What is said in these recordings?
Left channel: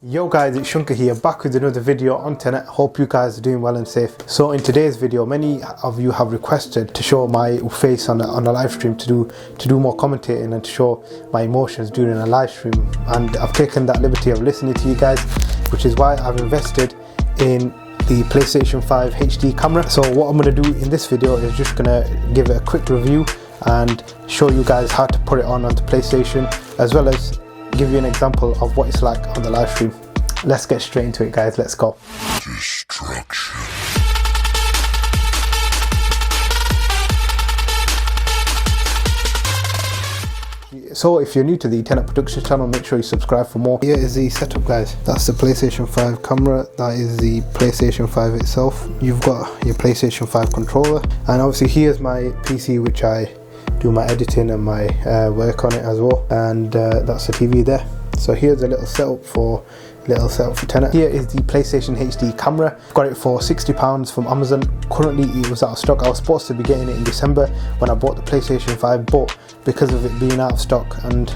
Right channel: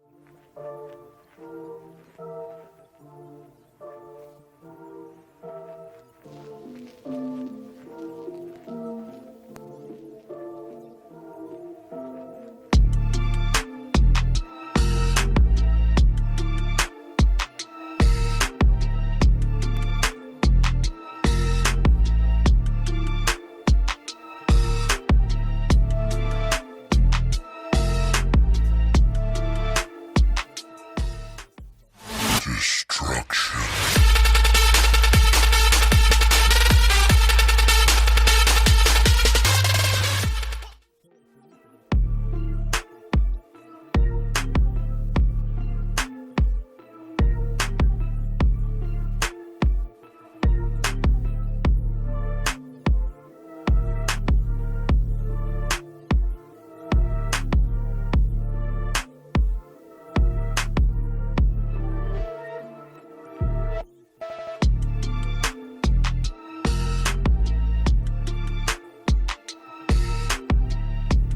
Yo guys, it's Shunka here, back with another video on Tenet. Hope you guys are doing well and safe. So in today's video, many of you have requested to show my face on a live stream, to do more commentating and to show my emotions during a live stream. And I've taken that liberty of listening to you guys, which is why I've invested in the PlayStation 5 HD camera. So what I'm going to do in this video is just going to give it a quick review and show you guys how to put it on onto PlayStation, as well as give you an example of what it's like on the live stream. Let's get straight into it, guys. Let's go. Destruction. So if you're new to the TENET Productions channel, make sure you subscribe for more. Here is the setup, guys. That's the PlayStation 5 camera. That is the PlayStation 5 itself. You've got your PlayStation 5 controller, and obviously here's my PC, which I do my editing and my work on it as well, and that's the TV there. So here's a little setup for Tenet. Here is the PlayStation HD camera. Got it for £60 from Amazon. Currently it was out of stock. I was supposed to be getting it in December when I bought the PlayStation 5, but because of it being out of stock and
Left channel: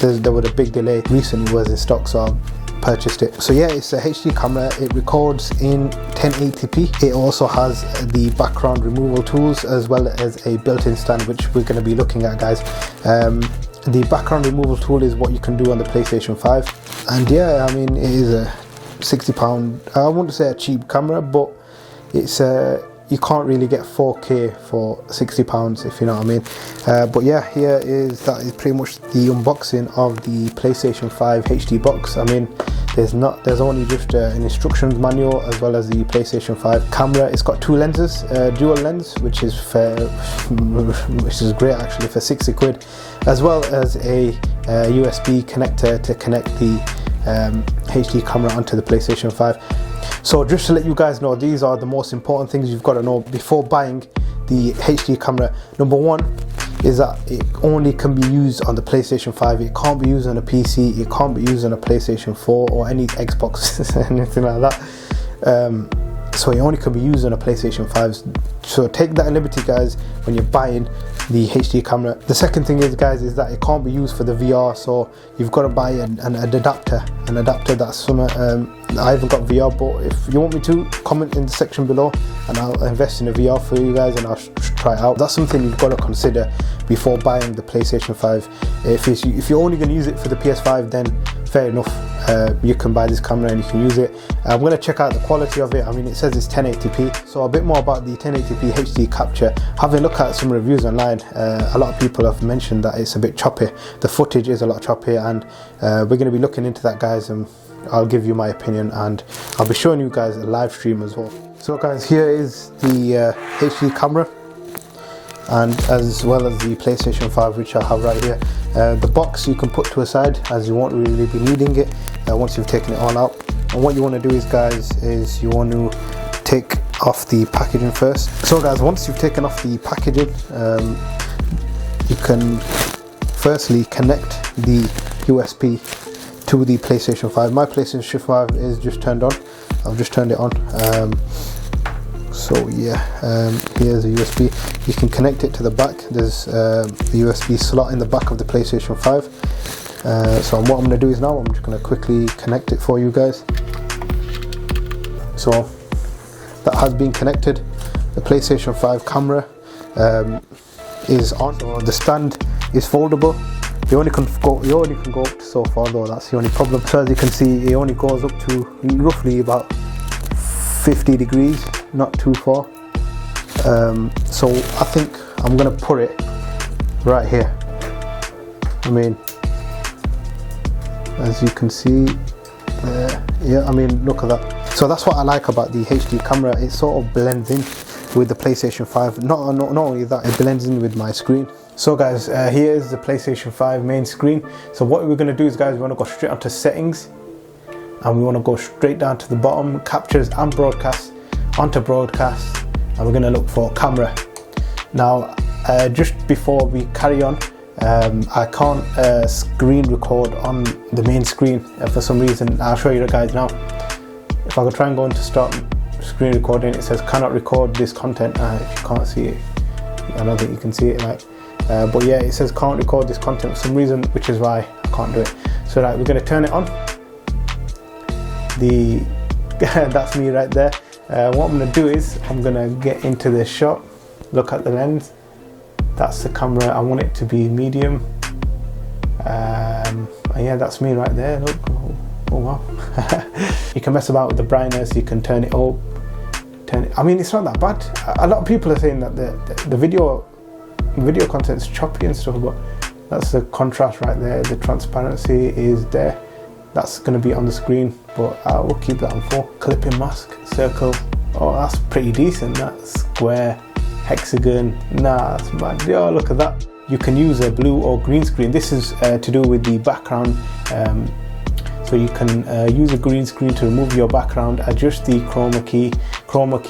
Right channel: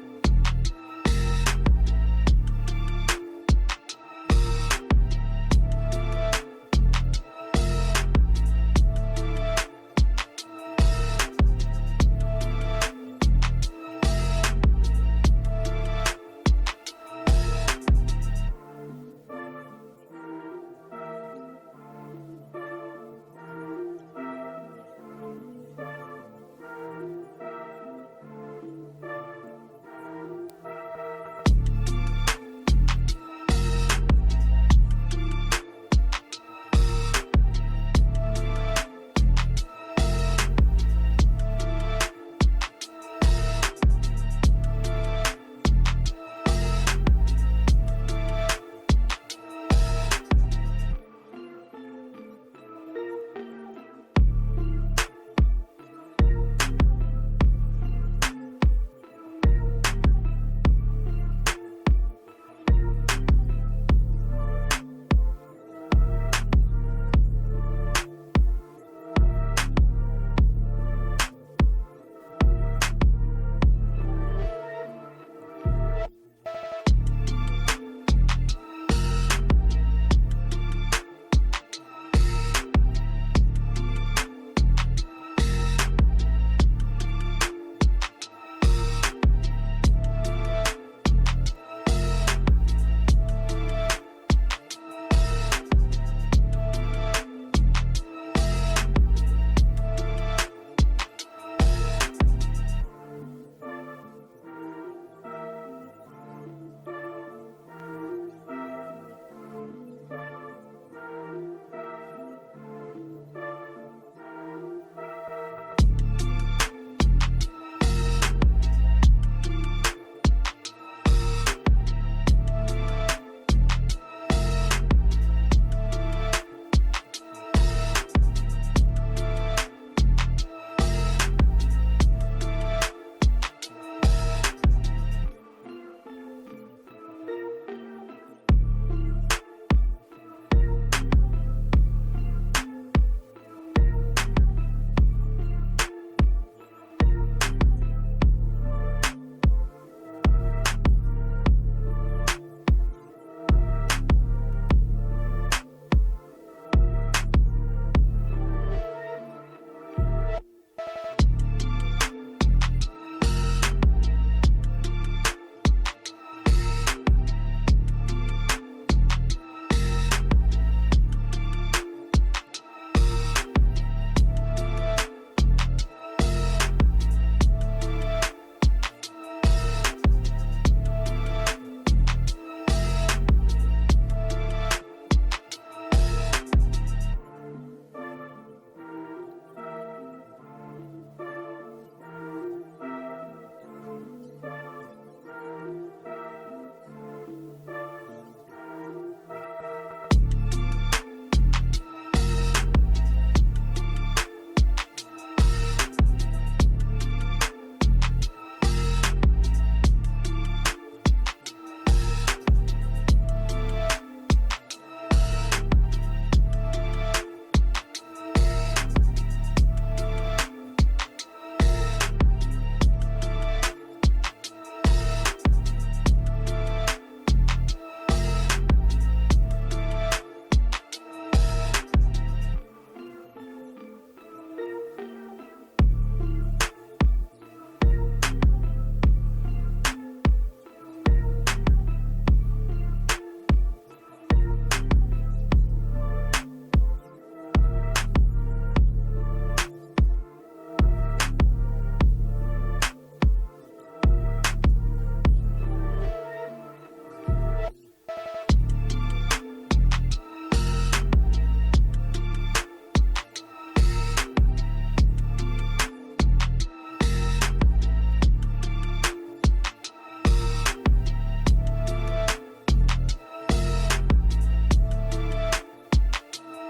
there was a big delay, recently was in stock, so I purchased it. So yeah, it's a HD camera. It records in 1080p. It also has the background removal tools as well as a built-in stand, which we're going to be looking at, guys. The background removal tool is what you can do on the PlayStation 5, and yeah, I mean, it is a £60. I wouldn't say a cheap camera, but it's you can't really get 4K for £60, if you know what I mean. But yeah, that is pretty much the unboxing of the PlayStation 5 HD box. I mean, there's only just an instructions manual as well as the PlayStation 5 camera. It's got two lenses, dual lens, which is great actually, for 60 quid, as well as a USB connector to connect the HD camera onto the PlayStation 5. So just to let you guys know, these are the most important things you've got to know before buying the HD camera. Number one is that it only can be used on the PlayStation 5. It can't be used on a PC, it can't be used on a PlayStation 4 or any Xbox, anything like that. So it only can be used on a PlayStation 5. So take that liberty, guys, when you're buying the HD camera. The second thing is, guys, is that it can't be used for the VR, so you've got to buy an adapter. An adapter that's some, I haven't got VR, but if you want me to, comment in the section below and I'll invest in a VR for you guys and I'll try it out. That's something you've got to consider before buying the PlayStation 5. If you're only going to use it for the PS5, then fair enough, you can buy this camera and you can use it. I'm going to check out the quality of it. I mean, it says it's 1080p, so a bit more about the 1080p HD capture. Having a look at some reviews online, a lot of people have mentioned that it's a bit choppy. The footage is a lot choppy, and we're going to be looking into that, guys, and I'll give you my opinion, and I'll be showing you guys a live stream as well. So guys, here is the HD camera, and as well as the PlayStation 5, which I have right here. The box you can put to a side, as you won't really be needing it once you've taken it all out. And what you want to do is, guys, is you want to take off the packaging first. So guys, once you've taken off the packaging, you can firstly connect the USB to the PlayStation 5. My PlayStation 5 is just turned on. I've just turned it on. So yeah, here's a USB. You can connect it to the back. There's a USB slot in the back of the PlayStation 5. So what I'm going to do is now I'm just going to quickly connect it for you guys. So that has been connected. The PlayStation 5 camera is on. So the stand is foldable. You only can go up to so far though, that's the only problem. So as you can see, it only goes up to roughly about 50 degrees, not too far. So I think I'm gonna put it right here. I mean, as you can see, yeah, I mean, look at that. So that's what I like about the HD camera. It sort of blends in with the PlayStation 5. Not only that, it blends in with my screen. So guys, here is the PlayStation 5 main screen. So what we're going to do is, guys, we want to go straight onto settings, and we want to go straight down to the bottom, captures and broadcast, onto broadcast, and we're going to look for camera. Now, just before we carry on, I can't screen record on the main screen for some reason. I'll show you guys now. If I could try and go into start screen recording, it says cannot record this content. If you can't see it, I don't think you can see it, like. But yeah, it says can't record this content for some reason, which is why I can't do it. So we're going to turn it on. that's me right there. What I'm gonna do is I'm gonna get into this shot, look at the lens. That's the camera. I want it to be medium. And yeah, that's me right there. Look. Oh wow. You can mess about with the brightness. You can turn it up. I mean, it's not that bad. A lot of people are saying that the video content is choppy and stuff, but that's the contrast right there. The transparency is there. That's going to be on the screen, but I will keep that on 4. Clipping mask, circle. Oh, that's pretty decent. That square, hexagon. Nah, that's bad. Yo, look at that. You can use a blue or green screen. This is to do with the background. So you can use a green screen to remove your background, adjust the chroma key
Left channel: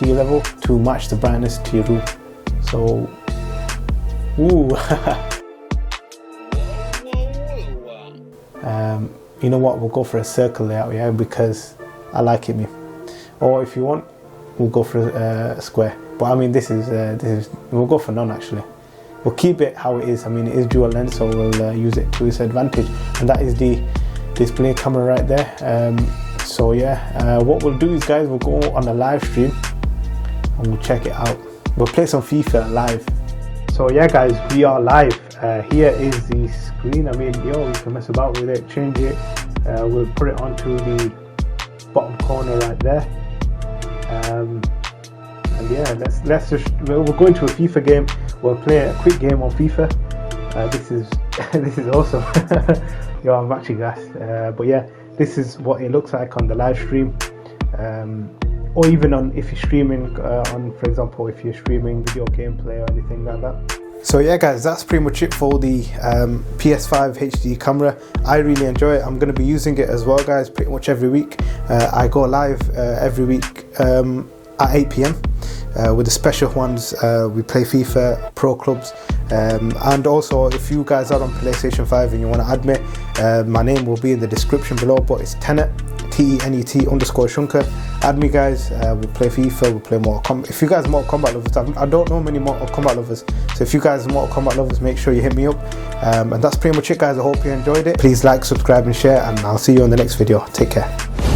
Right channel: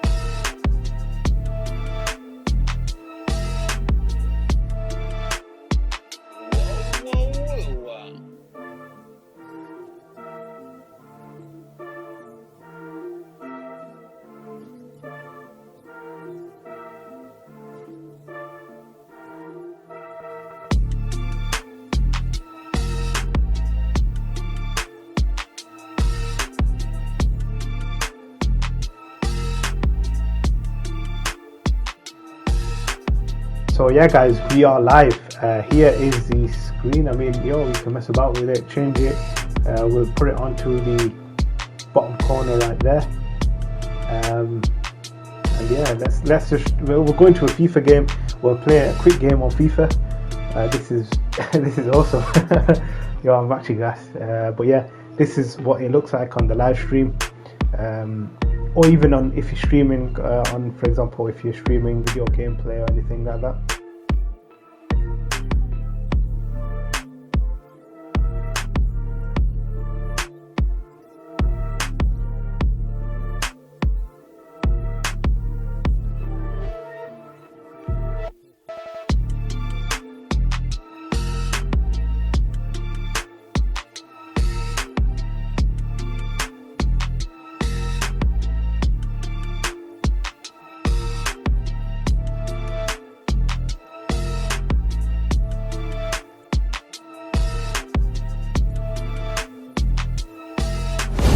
level to match the brightness to your room. So, ooh. You know what? We'll go for a circle layout, yeah, because I like it, me. Or if you want, we'll go for a square. But I mean, this is we'll go for none actually. We'll keep it how it is. I mean, it is dual lens, so we'll use it to its advantage. And that is the display camera right there. So yeah, what we'll do is, guys, we'll go on a live stream and we'll check it out. We'll play some FIFA live. So yeah, guys, we are live. Here is the screen. I mean, yo, we can mess about with it, change it. We'll put it onto the bottom corner right there. And yeah, let's just, we'll go into a FIFA game. We'll play a quick game on FIFA. This is awesome. Yo, I'm actually gassed. But yeah, this is what it looks like on the live stream. Or even on, if you're streaming on, for example, if you're streaming video gameplay or anything like that. So yeah, guys, that's pretty much it for the Ps5 HD camera. I really enjoy it. I'm going to be using it as well, guys, pretty much every week. I go live every week at 8 PM. With the special ones, we play FIFA Pro Clubs, and also if you guys are on PlayStation 5 and you want to add me, my name will be in the description below, but it's TENET, TENET_Shunker. Add me, guys. We play FIFA, we play Mortal Kombat. If you guys are Mortal Kombat lovers, I don't know many Mortal Kombat lovers, so if you guys are Mortal Kombat lovers, make sure you hit me up. And that's pretty much it, guys. I hope you enjoyed it. Please like, subscribe and share, and I'll see you on the next video. Take care.